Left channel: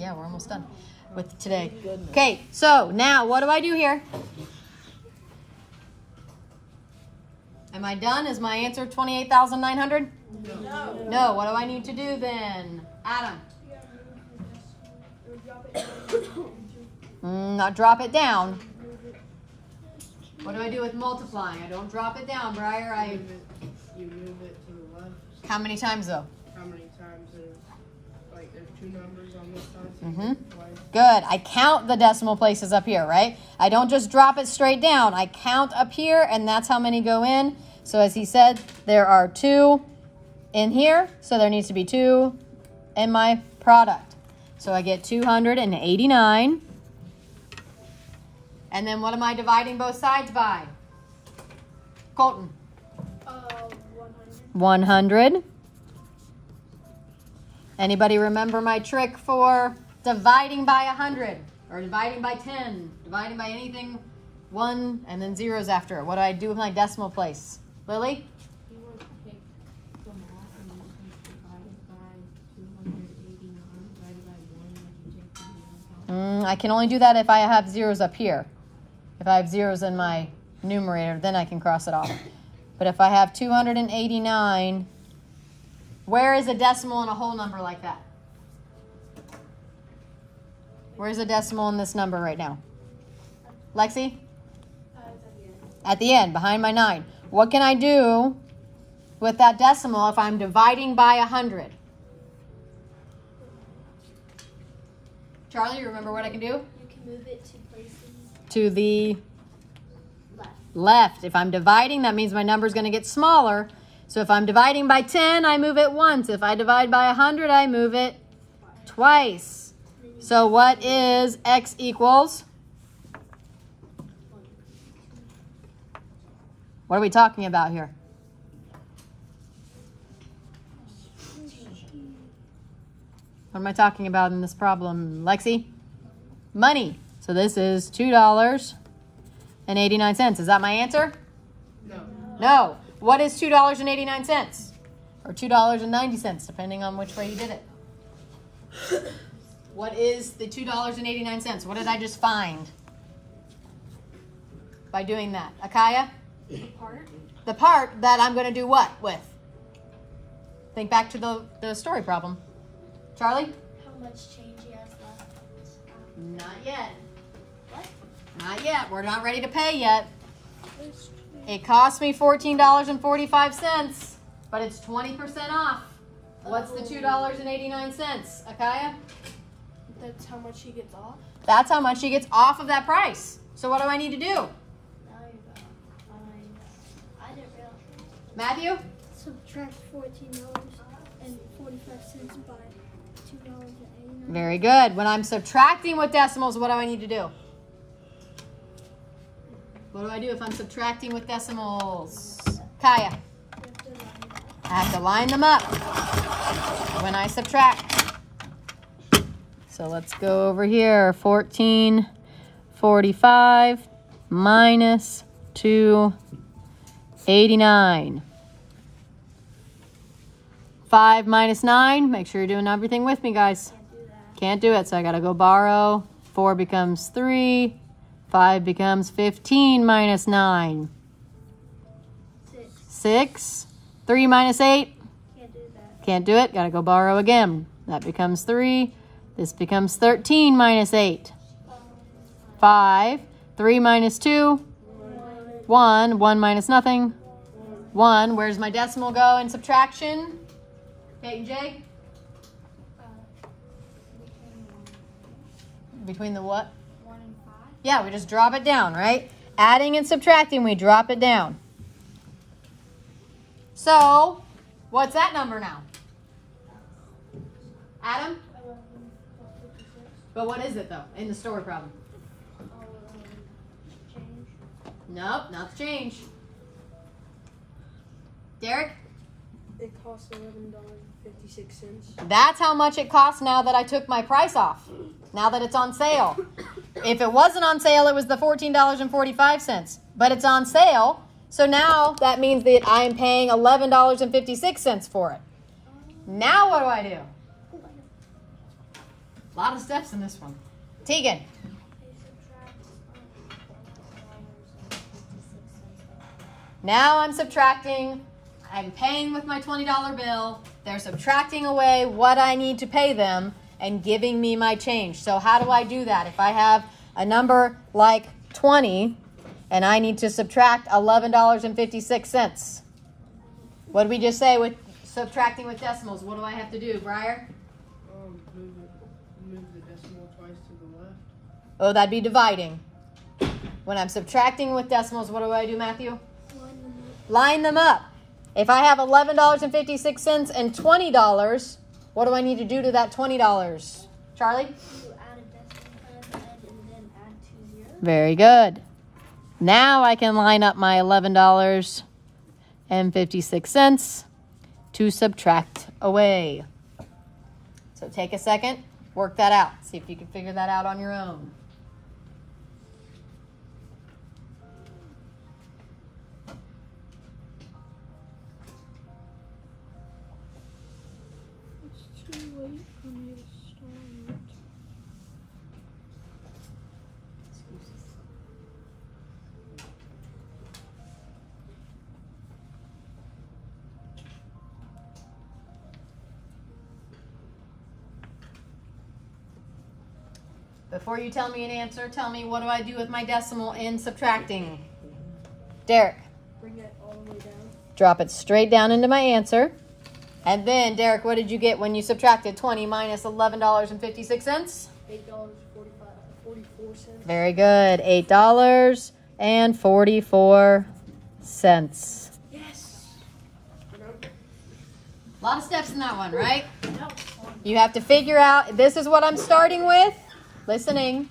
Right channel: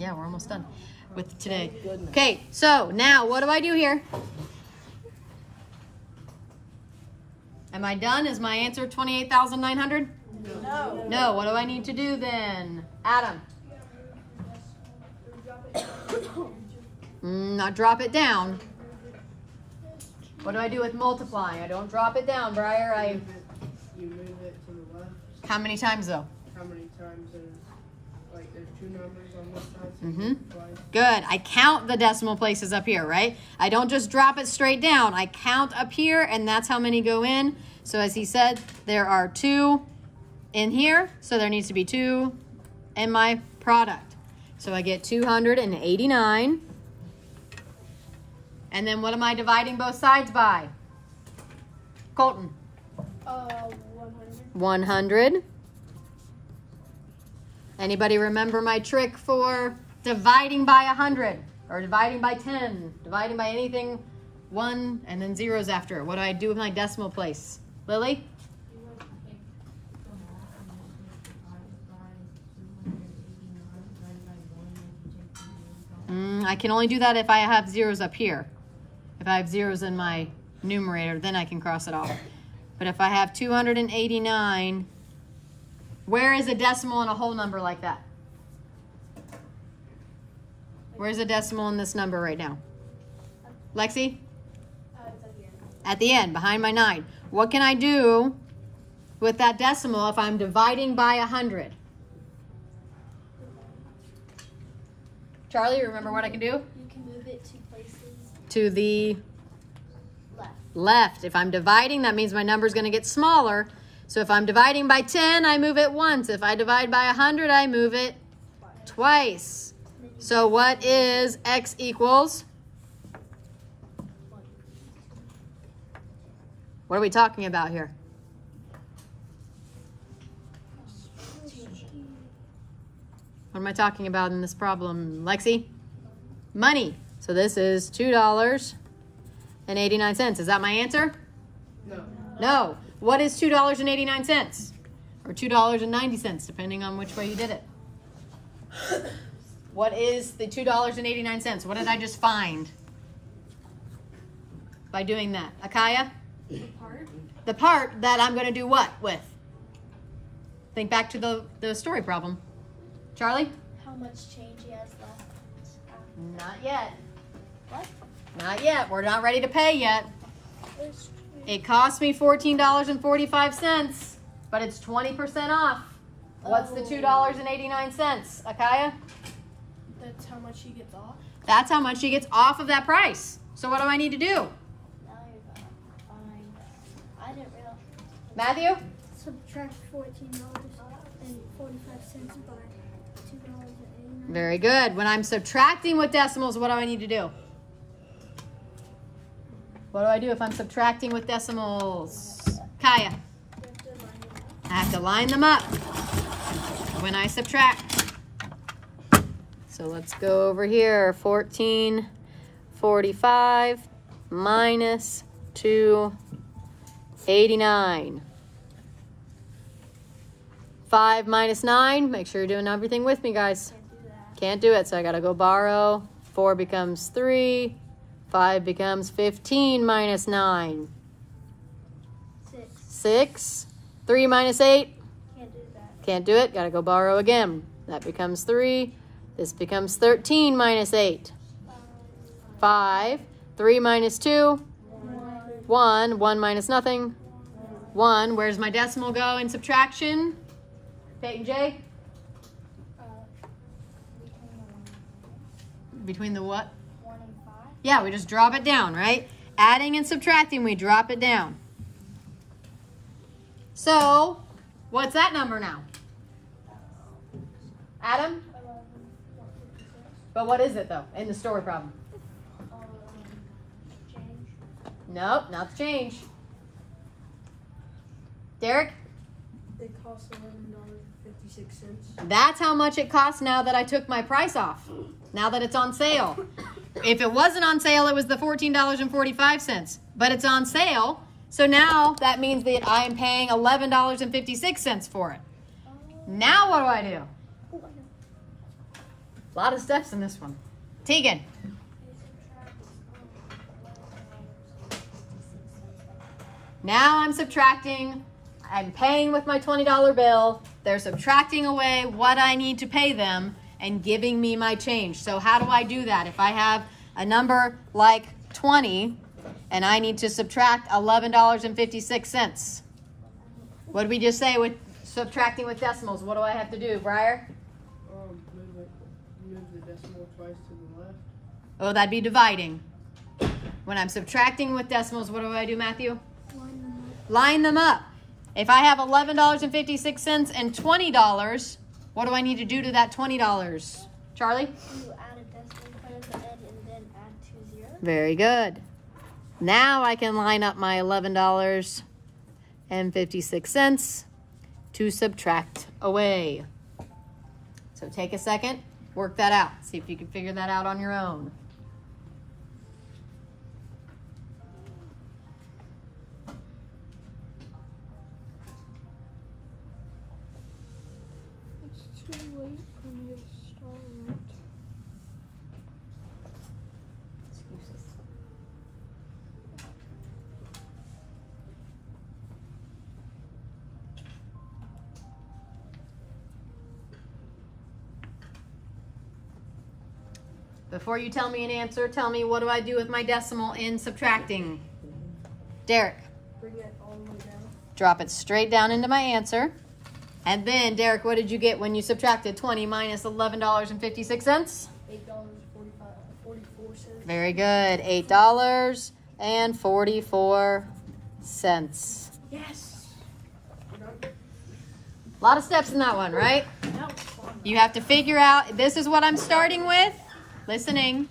Yeah, we're almost done with today. Okay, so now what do I do here? Am I done? Is my answer 28,900? No. No, what do I need to do then? Adam? Not drop it down. What do I do with multiply? I don't drop it down, Briar. You move it to the left. How many times though? How many times there's two numbers on this side? So Mm-hmm. Good. I count the decimal places up here, right? I don't just drop it straight down. I count up here, and that's how many go in. So as he said, there are 2 in here, so there needs to be 2 in my product. So I get 289. And then what am I dividing both sides by? Colton? 100. Anybody remember my trick for dividing by 100 or dividing by 10, dividing by anything, 1 and then zeros after it? What do I do with my decimal place? Lily? I can only do that if I have zeros up here. If I have zeros in my numerator, then I can cross it off. But if I have 289, where is a decimal in a whole number like that? Where's a decimal in this number right now? Lexi? At the end, behind my 9. What can I do with that decimal if I'm dividing by 100? Charlie, you remember what I can do? You can move it 2 places. To the left. If I'm dividing, that means my number is going to get smaller. So if I'm dividing by 10, I move it once. If I divide by 100, I move it twice. So what is x equals? What are we talking about here? What am I talking about in this problem, Lexi? Money. So this is $2.89. Is that my answer? No. No. What is $2.89? Or $2.90, depending on which way you did it. What is the $2.89? What did I just find by doing that? Akaya? The part. The part that I'm going to do what with? Think back to the story problem. Charlie? How much change he has left? Not yet. What? Not yet. We're not ready to pay yet. It cost me $14.45, but it's 20% off. What's the $2.89, Akaya? That's how much he gets off? That's how much he gets off of that price. So what do I need to do? Now you're behind. I didn't realize. Matthew? Subtract $14.45 by $2.89. Very good. When I'm subtracting with decimals, what do I need to do? What do I do if I'm subtracting with decimals? Kaya? I have to line them up when I subtract. So let's go over here. 1445 minus 289. 5 minus 9. Make sure you're doing everything with me, guys. Can't do it, so I gotta go borrow. 4 becomes 3. 5 becomes 15 minus 9. 6. 3 minus 8. Can't do that. Can't do it. Gotta go borrow again. That becomes 3. This becomes 13 minus 8. 5. 3 minus 2. 1. 1 minus nothing. 1. Where's my decimal go in subtraction? Peyton J? Between the what? 1 and 5. Yeah, we just drop it down, right? Adding and subtracting, we drop it down. So, what's that number now? Adam? But what is it, though, in the story problem? Change. Nope, not the change. Derek? It costs $11.56. That's how much it costs now that I took my price off. Now that it's on sale. If it wasn't on sale, it was the $14.45. But it's on sale, so now that means that I am paying $11.56 for it. Now what do I do? A lot of steps in this one. Tegan. Now I'm subtracting. I'm paying with my $20 bill. They're subtracting away what I need to pay them and giving me my change. So how do I do that? If I have a number like 20 and I need to subtract $11.56. What did we just say with subtracting with decimals? What do I have to do, Briar? Move the decimal twice to the left. Oh, that'd be dividing. When I'm subtracting with decimals, what do I do, Matthew? Line them up. Line them up. If I have $11.56 and $20, what do I need to do to that $20? Charlie? You add a decimal point at the end and then add 2 zeros. Very good. Now I can line up my $11.56 to subtract away. So take a second, work that out. See if you can figure that out on your own. It's too late for me to start. Before you tell me an answer, tell me what do I do with my decimal in subtracting? Derek. Bring that all the way down. Drop it straight down into my answer. And then, Derek, what did you get when you subtracted 20 minus $11.56? $8.44. Very good. $8.44. Yes. A lot of steps in that one, right? You have to figure out, this is what I'm starting with. Listening.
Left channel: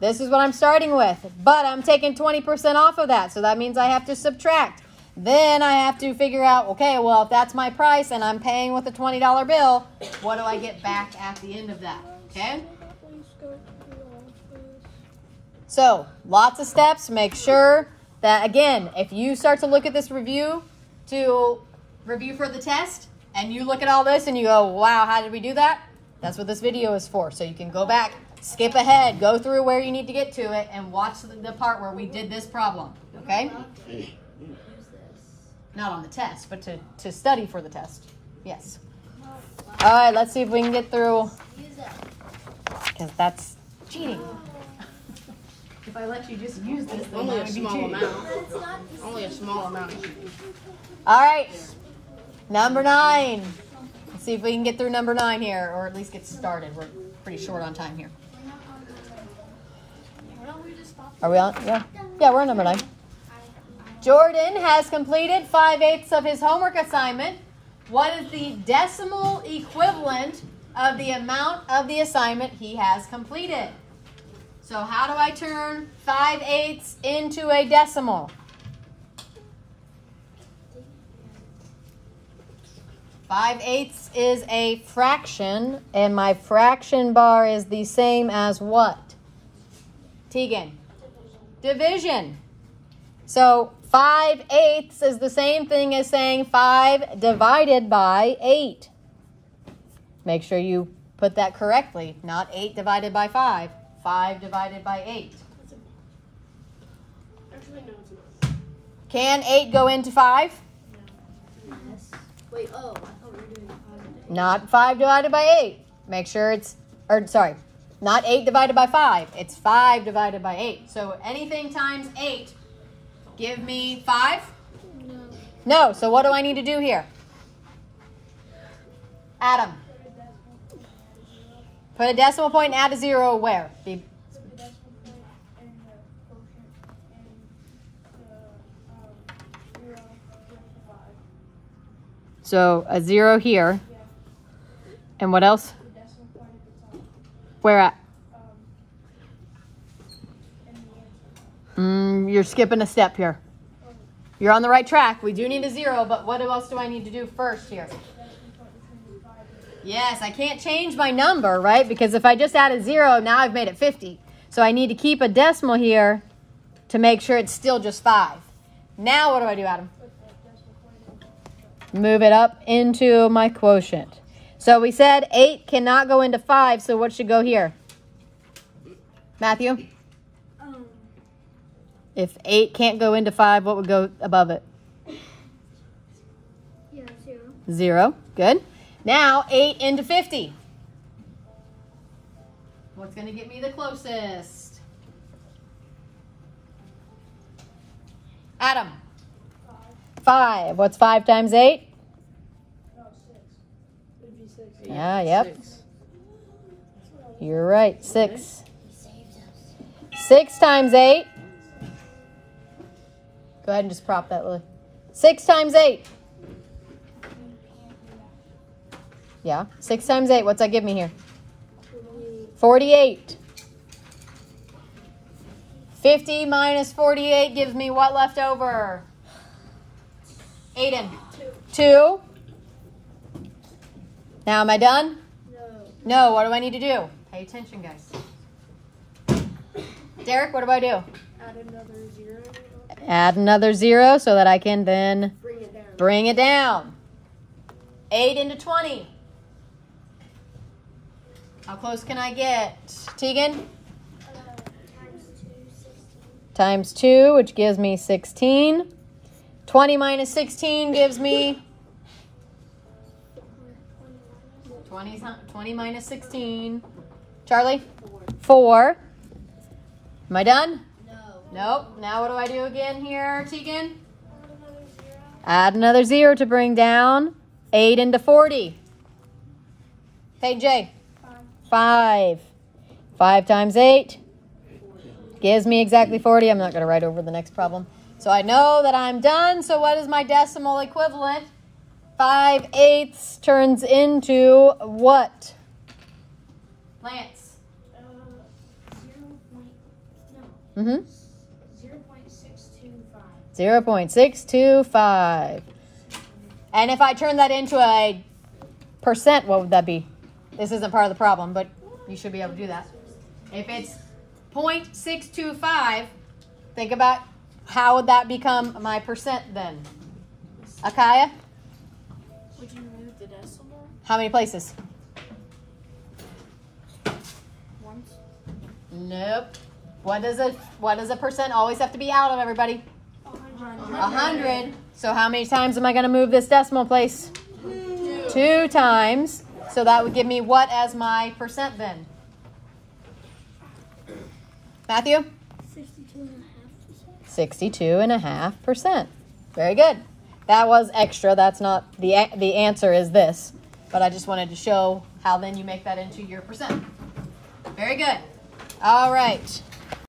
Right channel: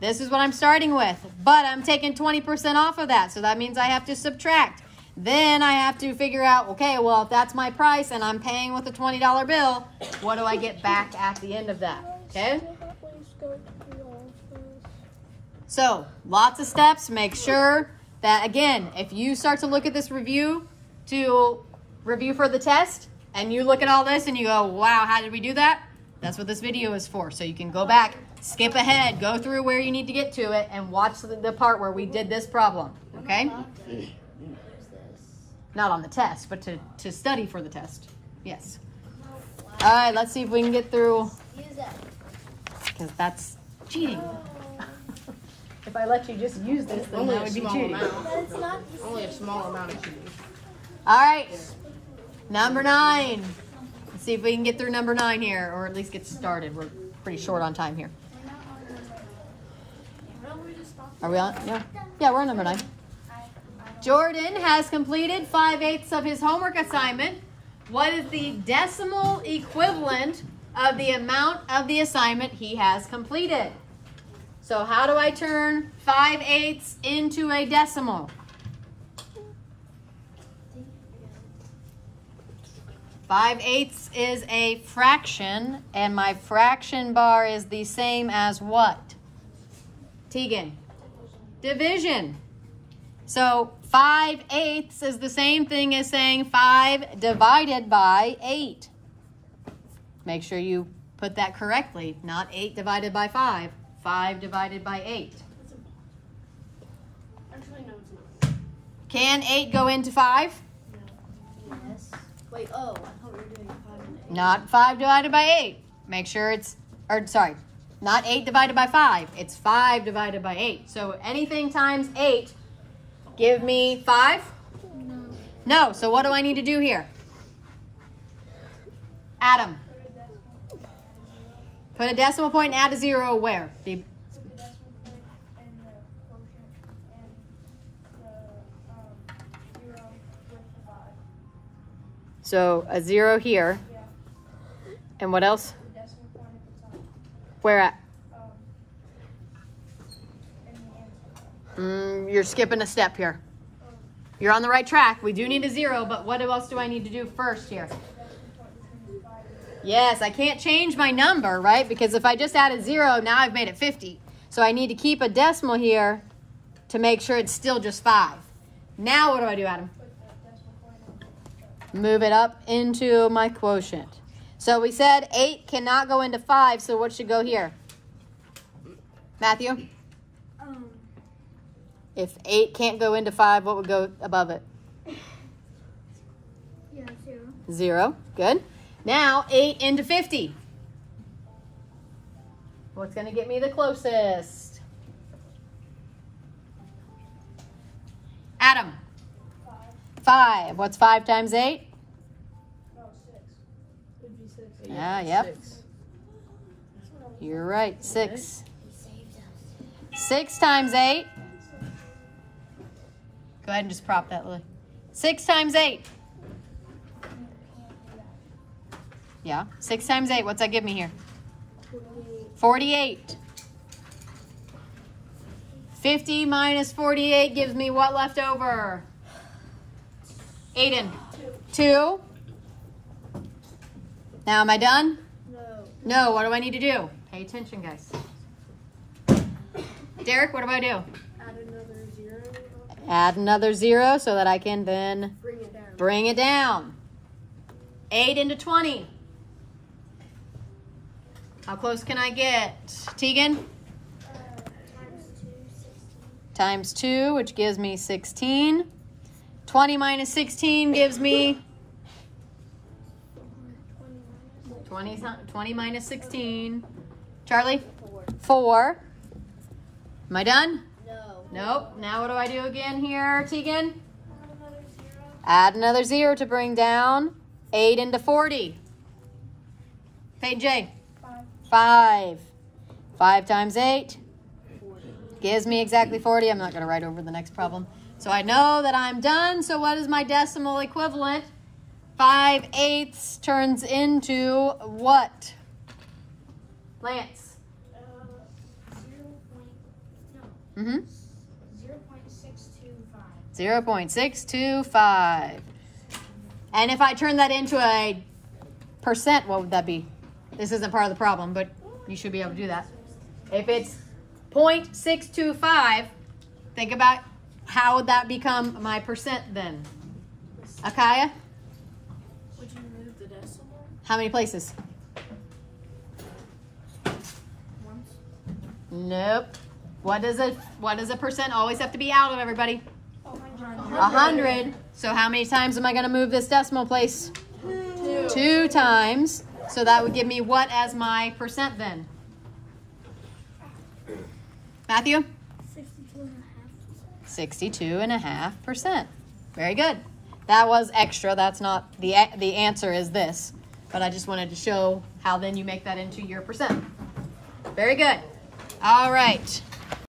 This is what I'm starting with. But I'm taking 20% off of that. So that means I have to subtract. Then I have to figure out, okay, well, if that's my price and I'm paying with a $20 bill, what do I get back at the end of that? Okay? So, lots of steps. Make sure that, again, if you start to look at this review for the test, and you look at all this and you go, wow, how did we do that? That's what this video is for. So you can go back, skip ahead, go through where you need to get to it, and watch the part where we did this problem. Okay? Not on the test, but to study for the test. Yes. All right, let's see if we can get through, because that's cheating. If I let you just use this, then that would be cheating. Only a small amount of cheating. All right, number 9. Let's see if we can get through number 9 here, or at least get started. We're pretty short on time here. Are we on? Yeah. Yeah, we're on number 9. Jordan has completed 5/8 of his homework assignment. What is the decimal equivalent of the amount of the assignment he has completed? So how do I turn 5/8 into a decimal? 5/8 is a fraction, and my fraction bar is the same as what? Tegan? Division. So 5/8 is the same thing as saying 5 divided by 8. Make sure you put that correctly, not 8 divided by 5. 5 divided by 8. Actually, no, it's not. Can 8 go into 5? Yes. Wait, oh, I thought we were doing 5 and 8. Not 5 divided by 8. Make sure it's, or sorry, not 8 divided by 5. It's 5 divided by 8. So anything times 8, give me 5? No. No, so what do I need to do here? Adam. Put a decimal point and add a 0 where? So a 0 here. And what else? Where at? You're skipping a step here. You're on the right track. We do need a 0, but what else do I need to do first here? Yes, I can't change my number, right? Because if I just add a 0, now I've made it 50. So I need to keep a decimal here to make sure it's still just 5. Now what do I do, Adam? Move it up into my quotient. So we said 8 cannot go into 5, so what should go here? Matthew? If 8 can't go into 5, what would go above it? Yeah, 0. 0. Good. Now 8 into 50. What's going to get me the closest? Adam. 5. What's 5 times 8? No, 6. It'd be 6. Yeah, yep. 6. You're right. 6. 6 times 8. Go ahead and just prop that, Lily. 6 times 8. Yeah. 6 times 8. What's that give me here? 48. 50 minus 48 gives me what left over? Aiden. 2. Now am I done? No. What do I need to do? Pay attention, guys. Derek, what do I do? Add another 0. Add another 0 so that I can then Bring it down. bring it down. 8 into 20. How close can I get? Tegan? Times 2, which gives me 16. 20 minus 16 gives me 20 minus 16. Charlie? 4. Am I done? No. Nope. Now what do I do again here, Tegan? Add another 0 to bring down 8 into 40. Hey, Jay. 5. 5 times 8 gives me exactly 40. I'm not going to write over the next problem. So I know that I'm done. So what is my decimal equivalent? 5/8 turns into what? Lance. 0.625. 0.625. And if I turn that into a percent, what would that be? This isn't part of the problem, but you should be able to do that. If it's 0.625, think about how would that become my percent then? Akaya? Would you move the decimal? How many places? Once. Nope. What does a percent always have to be out of, everybody? 100. So how many times am I going to move this decimal place? 2 times. So that would give me what as my percent then? Matthew? 62.5%. Very good. That was extra. That's not the answer is this. But I just wanted to show how then you make that into your percent. Very good. All right.